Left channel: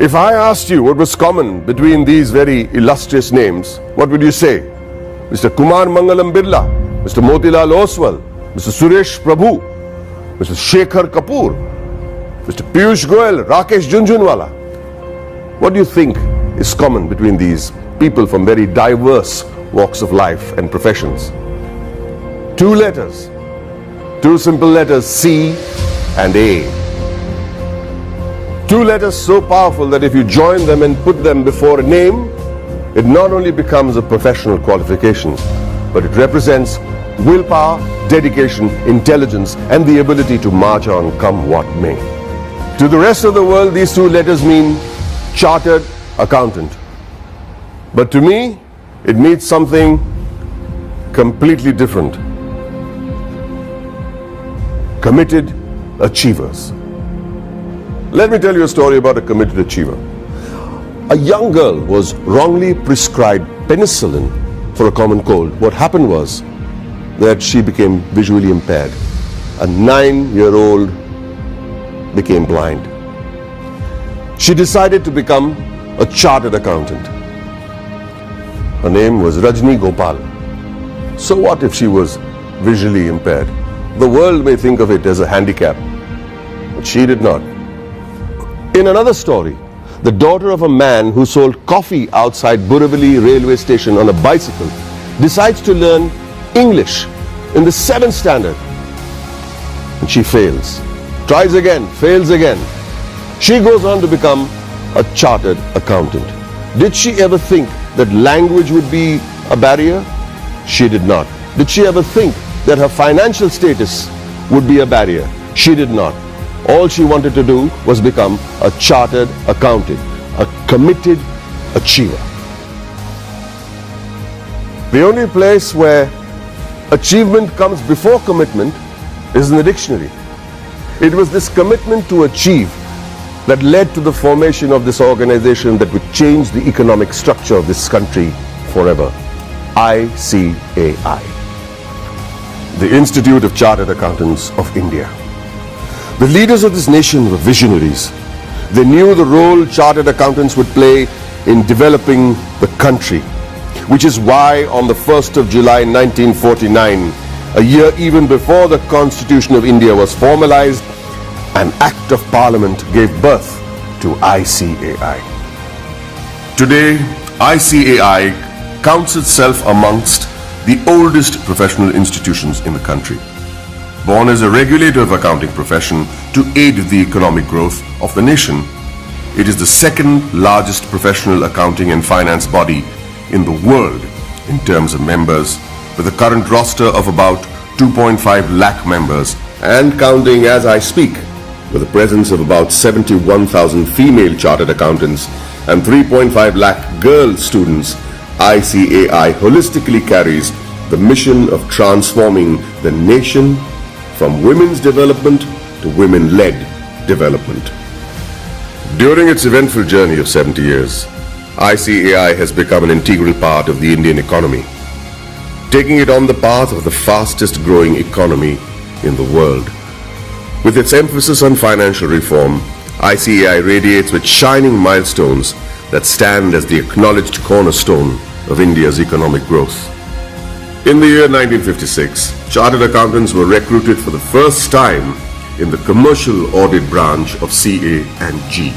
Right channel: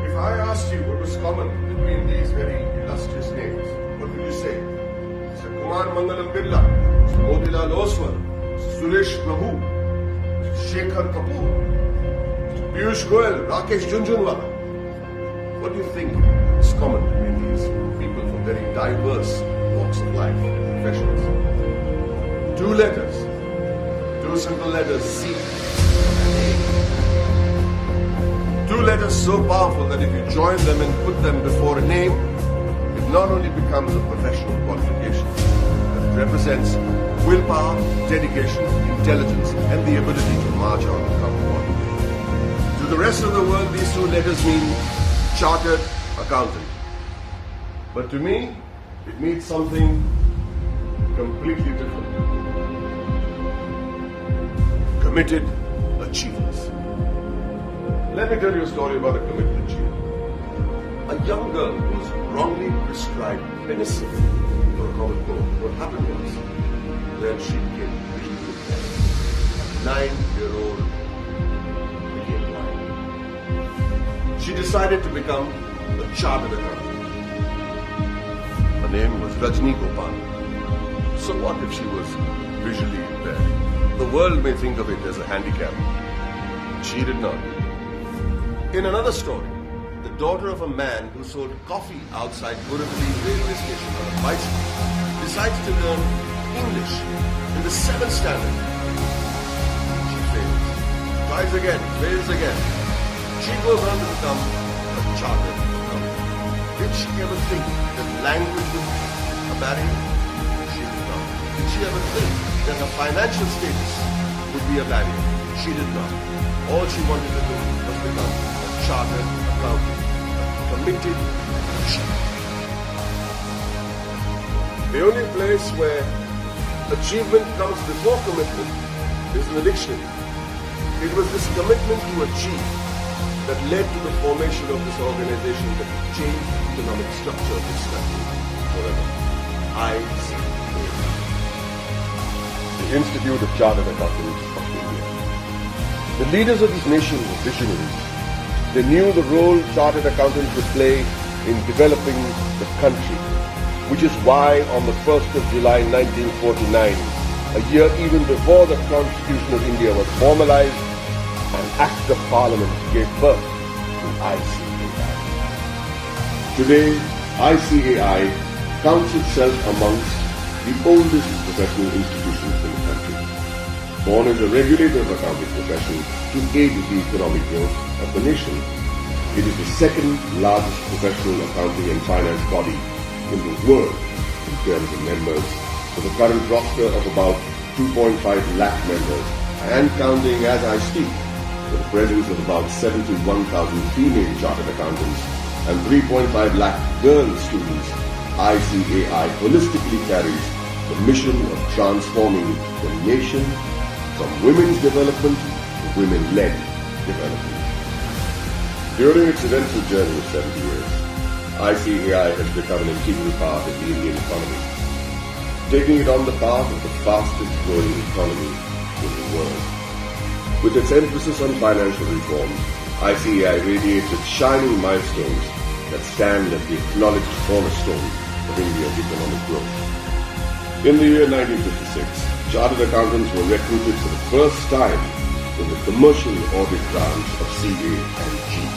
If I asked you what was common between these very illustrious names, what would you say? Mr. Kumar Mangalam Birla, Mr. Motilal Oswal, Mr. Suresh Prabhu, Mr. Shekhar Kapoor, Mr. Piyush Goyal, Rakesh Jhunjhunwala. What do you think is common between these people from very diverse walks of life and professions? Two letters, two simple letters, C and A. Two letters so powerful that if you join them and put them before a name, it not only becomes a professional qualification, but it represents willpower, dedication, intelligence, and the ability to march on come what may. To the rest of the world, these two letters mean chartered accountant. But to me, it means something completely different. Committed achievers. Let me tell you a story about a committed achiever. A young girl was wrongly prescribed penicillin for a common cold. What happened was that she became visually impaired. A 9-year-old became blind. She decided to become a chartered accountant. Her name was Rajni Gopal. So what if she was visually impaired? The world may think of it as a handicap, but she did not. In another story, the daughter of a man who sold coffee outside Borivali railway station on a bicycle decides to learn English in the 7th standard. And she fails. Tries again, fails again. She goes on to become a chartered accountant. Did she ever think that language would be a barrier? She did not. Did she ever think that her financial status would be a barrier? She did not. All she wanted to do was become a chartered accountant, a committed achiever. The only place where achievement comes before commitment is in the dictionary. It was this commitment to achieve that led to the formation of this organization that would change the economic structure of this country forever. ICAI, the Institute of Chartered Accountants of India. The leaders of this nation were visionaries. They knew the role chartered accountants would play in developing the country, which is why on the 1st of July 1949, a year even before the Constitution of India was formalized, an Act of Parliament gave birth to ICAI. Today, ICAI counts itself amongst the oldest professional institutions in the country. Born as a regulator of accounting profession to aid the economic growth of the nation, it is the second largest professional accounting and finance body in the world in terms of members, with a current roster of about 2.5 lakh members and counting as I speak, with a presence of about 71,000 female chartered accountants and 3.5 lakh girl students. ICAI holistically carries the mission of transforming the nation from women's development to women-led development. During its eventful journey of 70 years, ICAI has become an integral part of the Indian economy, taking it on the path of the fastest growing economy in the world. With its emphasis on financial reform, ICAI radiates with shining milestones that stand as the acknowledged cornerstone of India's economic growth. In the year 1956, chartered accountants were recruited for the first time in the commercial audit branch of CA and G.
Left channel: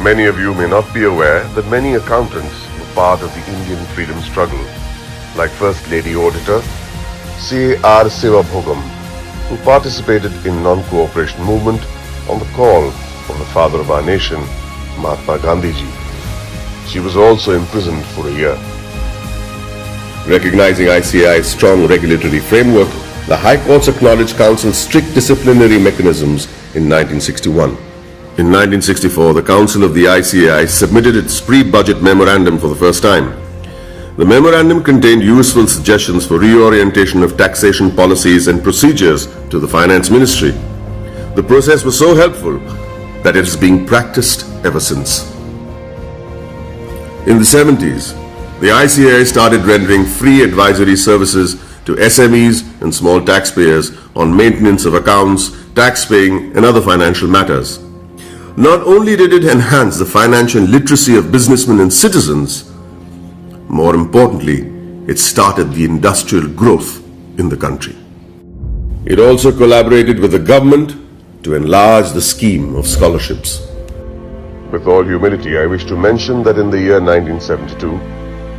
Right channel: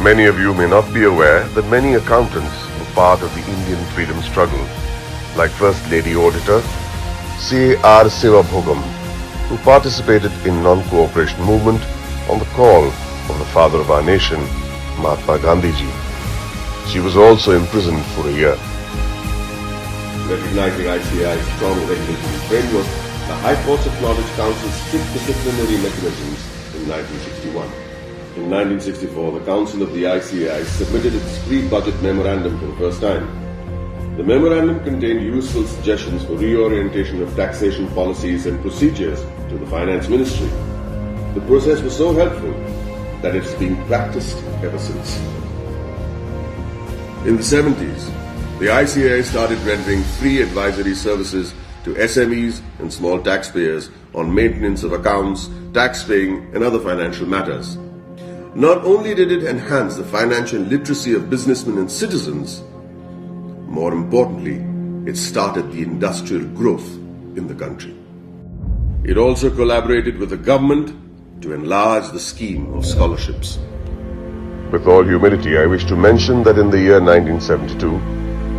Many of you may not be aware that many accountants were part of the Indian freedom struggle, like First Lady Auditor C.R. Sivabhogam, who participated in non-cooperation movement on the call of the father of our nation, Mahatma Gandhi ji. She was also imprisoned for a year. Recognizing ICAI's strong regulatory framework, the High Courts acknowledged Council's strict disciplinary mechanisms in 1961. In 1964, the Council of the ICAI submitted its pre-budget memorandum for the first time. The memorandum contained useful suggestions for reorientation of taxation policies and procedures to the Finance Ministry. The process was so helpful that it is being practiced ever since. In the 70s, the ICAI started rendering free advisory services to SMEs and small taxpayers on maintenance of accounts, tax paying, and other financial matters. Not only did it enhance the financial literacy of businessmen and citizens, more importantly, it started the industrial growth in the country. It also collaborated with the government to enlarge the scheme of scholarships. With all humility, I wish to mention that in the year 1972,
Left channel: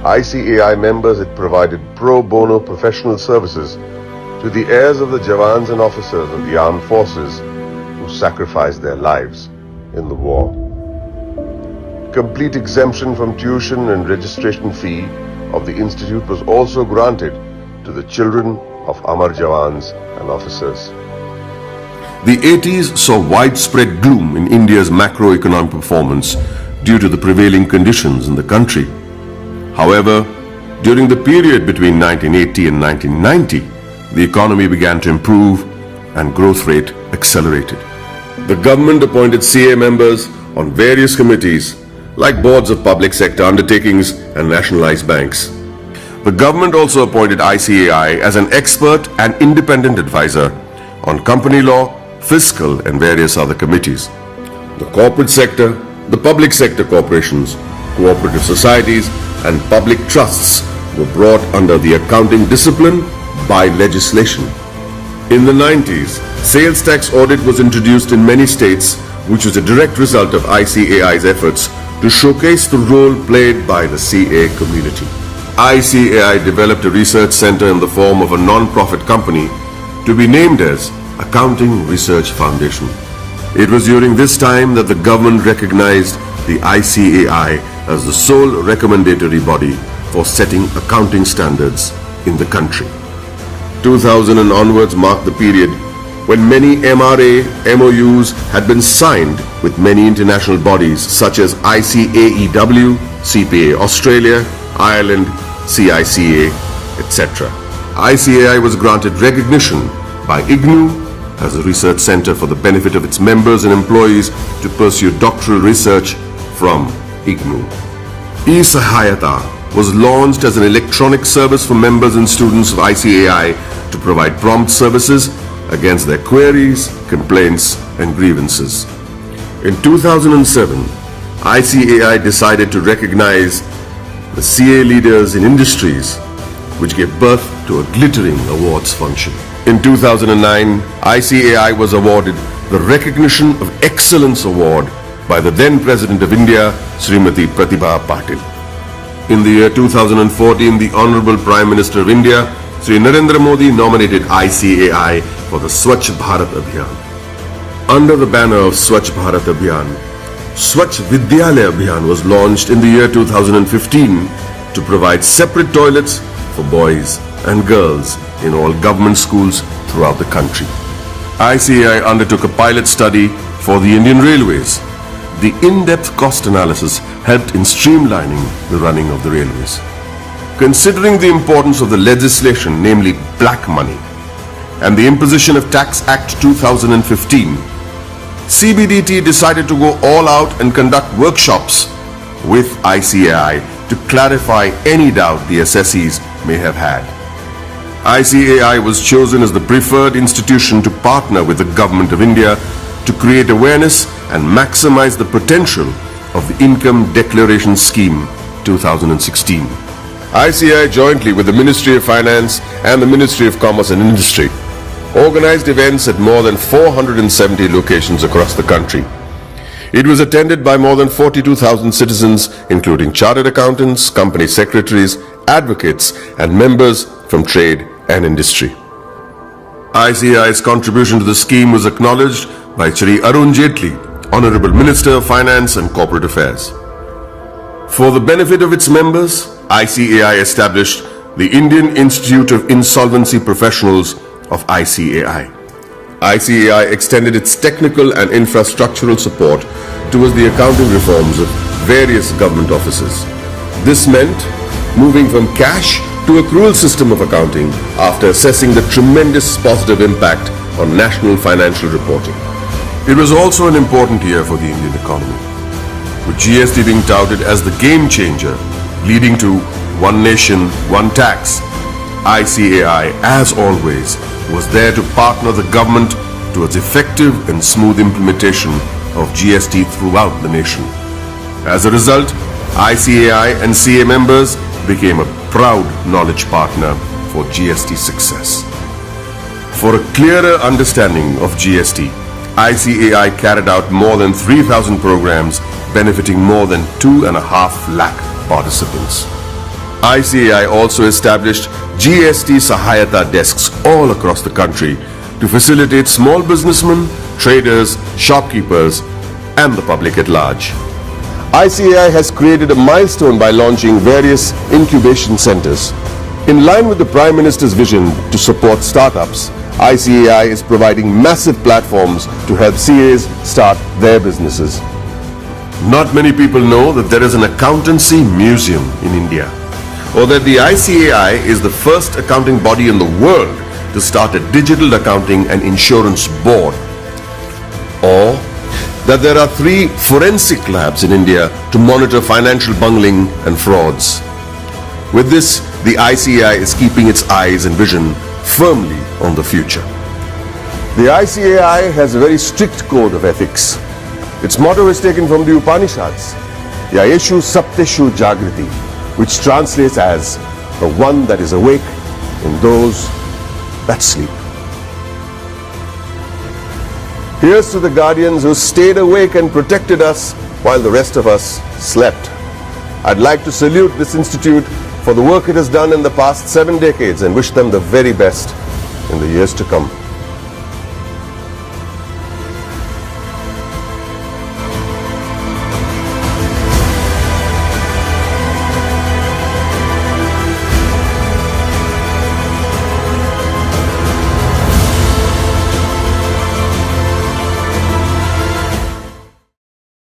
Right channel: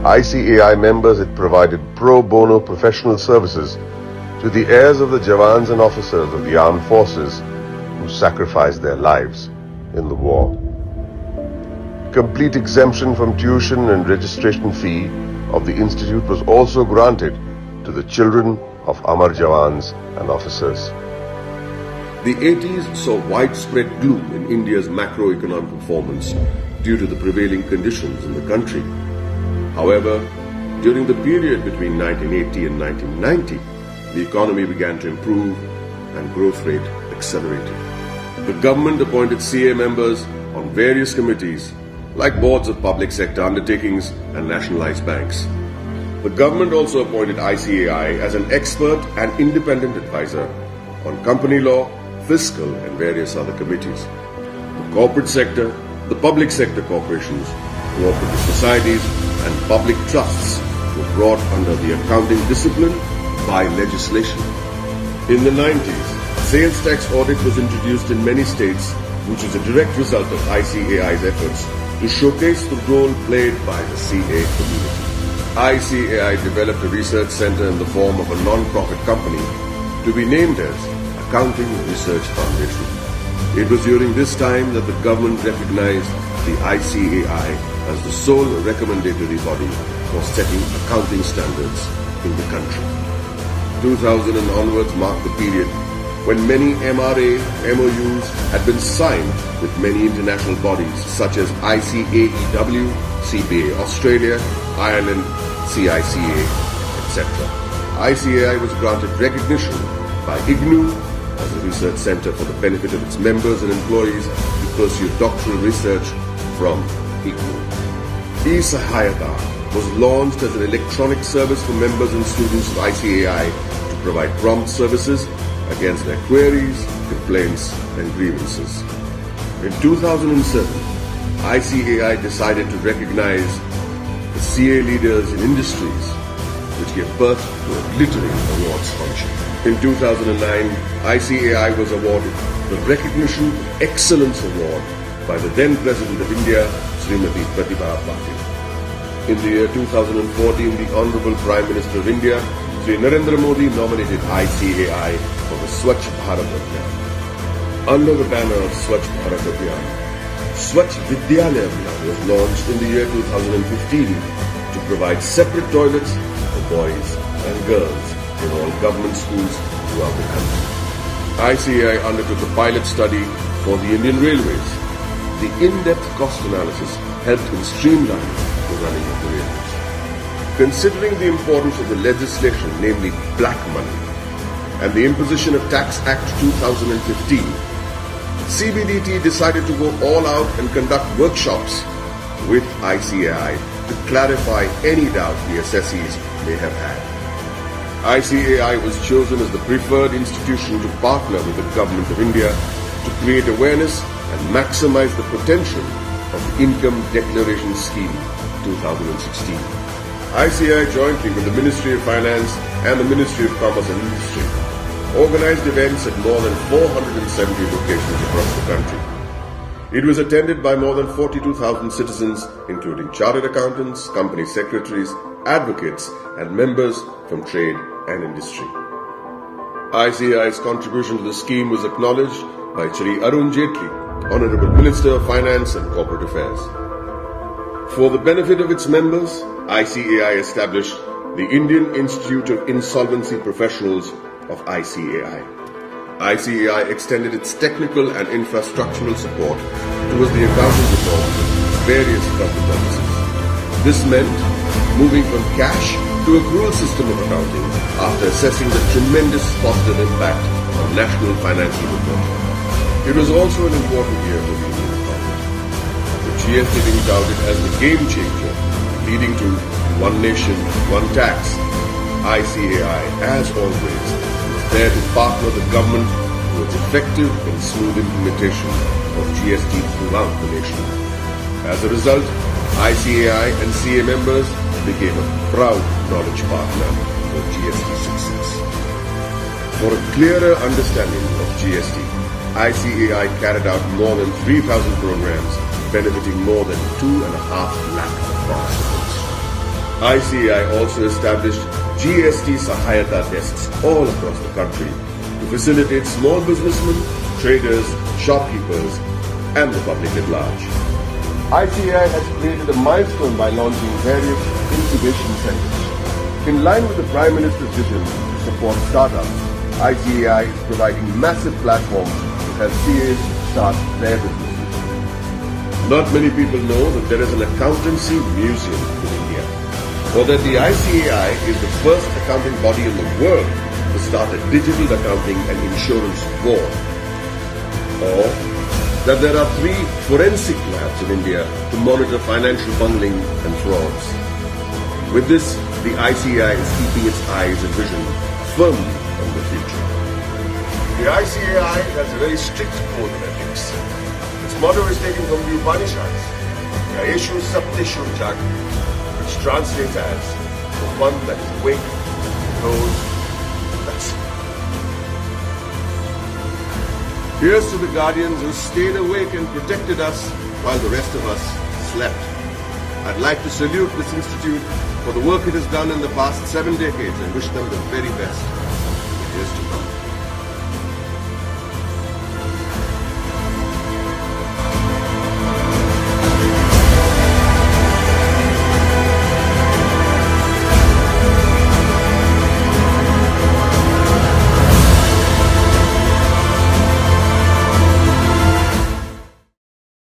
ICAI members had provided pro bono professional services to the heirs of the Jawans and officers of the armed forces who sacrificed their lives in the war. Complete exemption from tuition and registration fee of the institute was also granted to the children of Amar Jawans and officers. The 80s saw widespread gloom in India's macroeconomic performance due to the prevailing conditions in the country. However, during the period between 1980 and 1990, the economy began to improve and growth rate accelerated. The government appointed CA members on various committees like boards of public sector undertakings and nationalized banks. The government also appointed ICAI as an expert and independent advisor on company law, fiscal and various other committees. The corporate sector, the public sector corporations, cooperative societies and public trusts were brought under the accounting discipline by legislation. In the 90s, sales tax audit was introduced in many states, which was a direct result of ICAI's efforts to showcase the role played by the CA community. ICAI developed a research center in the form of a non-profit company to be named as Accounting Research Foundation. It was during this time that the government recognized the ICAI as the sole recommendatory body for setting accounting standards in the country. 2000 and onwards marked the period when many MRA MOUs had been signed with many international bodies such as ICAEW, CPA Australia, Ireland, CICA, etc. ICAI was granted recognition by IGNOU as a research center for the benefit of its members and employees to pursue doctoral research from IGNOU. eSahayata was launched as an electronic service for members and students of ICAI to provide prompt services against their queries, complaints and grievances. In 2007, ICAI decided to recognize the CA leaders in industries, which gave birth to a glittering awards function. In 2009, ICAI was awarded the Recognition of Excellence Award by the then President of India, Srimati Pratibha Patil. In the year 2014, the Honorable Prime Minister of India, Sri Narendra Modi, nominated ICAI for the Swachh Bharat Abhiyan. Under the banner of Swachh Bharat Abhiyan, Swachh Vidyalaya Abhiyan was launched in the year 2015 to provide separate toilets for boys and girls in all government schools throughout the country. ICAI undertook a pilot study for the Indian Railways. The in-depth cost analysis helped in streamlining the running of the railways. Considering the importance of the legislation, namely black money, and the imposition of Tax Act 2015, CBDT decided to go all out and conduct workshops with ICAI to clarify any doubt the assessees may have had. ICAI was chosen as the preferred institution to partner with the Government of India to create awareness and maximize the potential of the Income Declaration Scheme 2016. ICAI, jointly with the Ministry of Finance and the Ministry of Commerce and Industry, organized events at more than 470 locations across the country. It was attended by more than 42,000 citizens, including chartered accountants, company secretaries, advocates, and members from trade and industry. ICAI's contribution to the scheme was acknowledged by Shri Arun Jaitley, Honorable Minister of Finance and Corporate Affairs. For the benefit of its members, ICAI established the Indian Institute of Insolvency Professionals of ICAI. ICAI extended its technical and infrastructural support towards the accounting reforms of various government offices. This meant moving from cash to accrual system of accounting after assessing the tremendous positive impact on national financial reporting. It was also an important year for the Indian economy, with GST being touted as the game changer, leading to one nation, one tax. ICAI, as always, was there to partner the government towards effective and smooth implementation of GST throughout the nation. As a result, ICAI and CA members became a proud knowledge partner for GST success. For a clearer understanding of GST, ICAI carried out more than 3,000 programs benefiting more than 2.5 lakh participants. ICAI also established GST Sahayata desks all across the country to facilitate small businessmen, traders, shopkeepers, and the public at large. ICAI has created a milestone by launching various incubation centers. In line with the Prime Minister's vision to support startups, ICAI is providing massive platforms to help CAs start their businesses. Not many people know that there is an accountancy museum in India, or that the ICAI is the first accounting body in the world to start a digital accounting and insurance board, or that there are 3 forensic labs in India to monitor financial bungling and frauds. With this, the ICAI is keeping its eyes and vision firmly on the future. The ICAI has a very strict code of ethics. Its motto is taken from the Upanishads, Yayeshu Sapteshu Jagriti, which translates as the one that is awake in those that sleep. Here's to the guardians who stayed awake and protected us while the rest of us slept. I'd like to salute this institute for the work it has done in the past 7 decades and wish them the very best in the years to come.